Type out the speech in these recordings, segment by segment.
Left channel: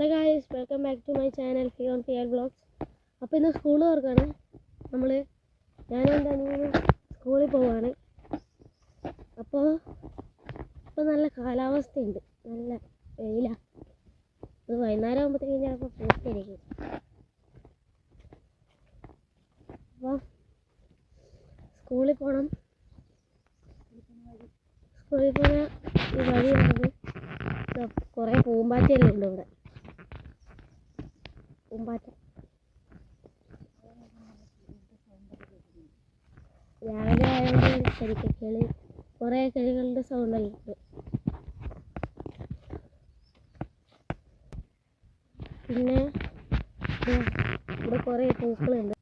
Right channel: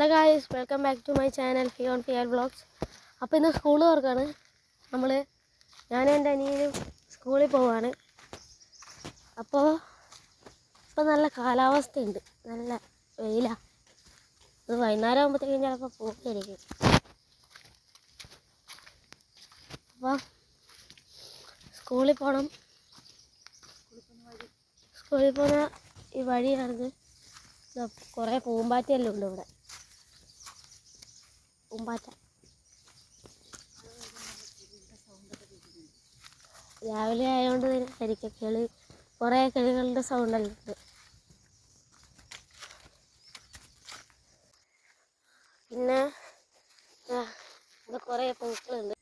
Hello guys welcome back to my channel ഫിയോൺ ഫിയർ vlogs അപ്പോൾ ഇന്ന് സ്കൂൾ തുറക്കാണ്. നമ്മൾ ഞാനും എന്റെ അനിയനും സ്കൂളിൽ പോവാണ്. അപ്പോൾ ഇപ്പോൾ നല്ല കാലാവസ്ഥയുണ്ട്. നല്ല വെയിലാണ് ഇത് വൈകുന്നേരം ആകുമ്പോഴത്തേക്കും ചിലപ്പോൾ പോയിരിക്കും അപ്പോൾ സ്കൂളിൽ പോകണം സ്കൂളിൽ പോകുന്ന ഈ വഴിയാണെങ്കിൽ കുറേ പൂമ്പാറ്റയെല്ലാം ഉണ്ട് ഇവിടെ. പൂമ്പാറ്റ രാവിലെ ആയതുകൊണ്ട് ശരിക്കും കിളി കുറേ കിളികളുടെ സൗണ്ടെല്ലാം ഉണ്ട് പിന്നെ ഇവിടെ കുറേ പൂക്കളുണ്ട്.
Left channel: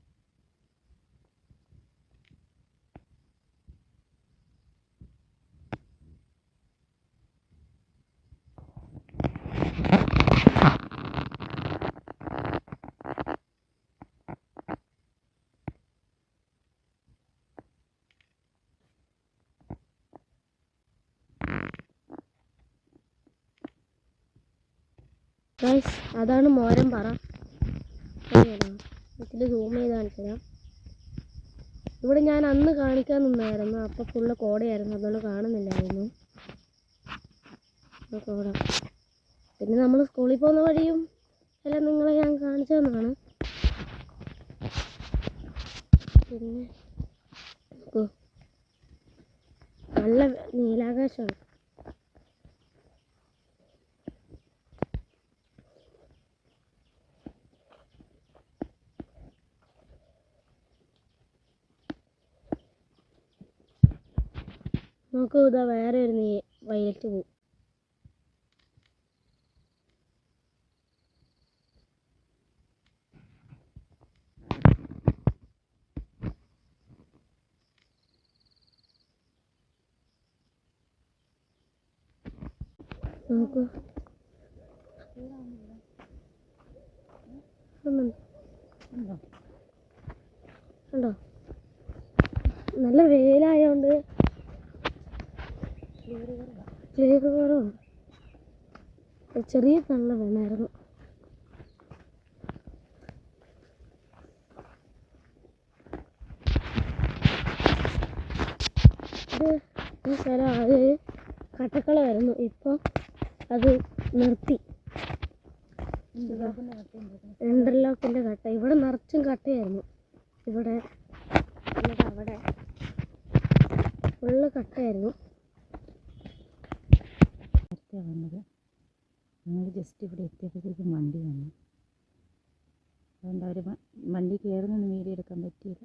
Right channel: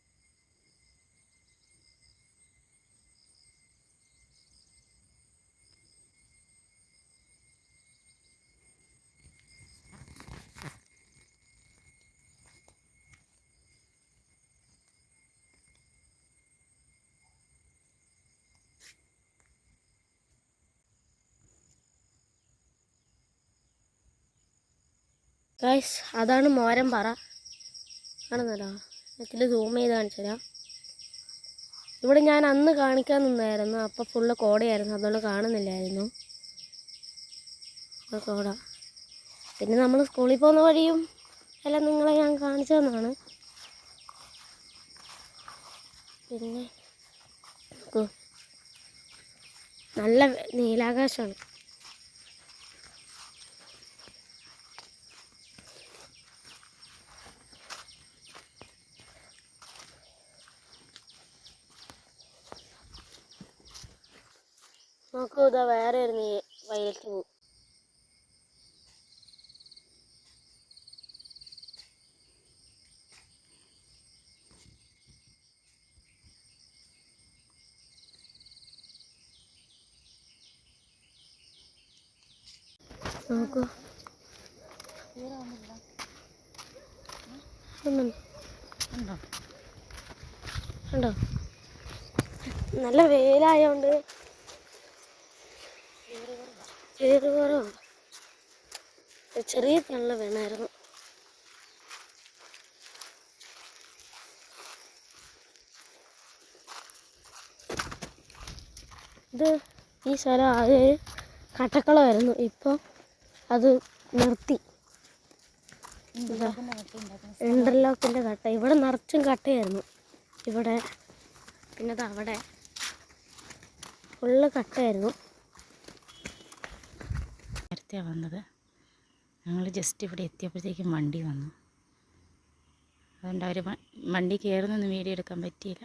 ഗൈസ് അതാണ് മോരം പറ. കാണുന്നല്ലോ ഇതിൽ സൂം ചെയ്ത് കാണിച്ചു തരാം. ഇവിടെ ഞാൻ അന്ന് കാണിക്കാൻ നിന്നായിരുന്നു. അപ്പോൾ ഫുള്ള് കോടയായിരുന്നു. അതുകൊണ്ട് കാണുന്നില്ലായിരുന്നു. കോട. പിന്നെ നമ്മൾ സ്കൂളിൽ പോകുന്ന വഴിയും എല്ലാം നിങ്ങളെ ഞാൻ കാണിച്ചു തന്നാണ് പിന്നെ. നല്ല നീലാകാശമാണ്. നോക്കൂ ഇതാ വേറെ ഒരു വയലറ്റ് പൂ നല്ല വെയിലായോണ്ട് ചെറിയ കള്ള വേണമായിരുന്നു. ഇത് ഈ സ്ഥലം ആദ്യം കട്ടക്കളമായിരുന്നു. ഇപ്പോൾ അത് നിർത്തി. ഇന്റർലോക്കിന്റെ കട്ട. ഇവിടെ നിറച്ചും കട്ടയായിരുന്നു. ഇവിടെ അവിടെ. ഫുള്ള് കട്ടയായിരുന്നു. നേരത്തെ വന്നത്. ഞങ്ങൾ ജസ്റ്റ് ഇവിടെ എത്തിയപ്പോഴത്തേക്കും വണ്ടി വന്നു. അതുകൊണ്ട് അവർ വണ്ടി കയറുന്നൊന്നും വീഡിയോ എടുക്കാൻ പറ്റിയില്ല.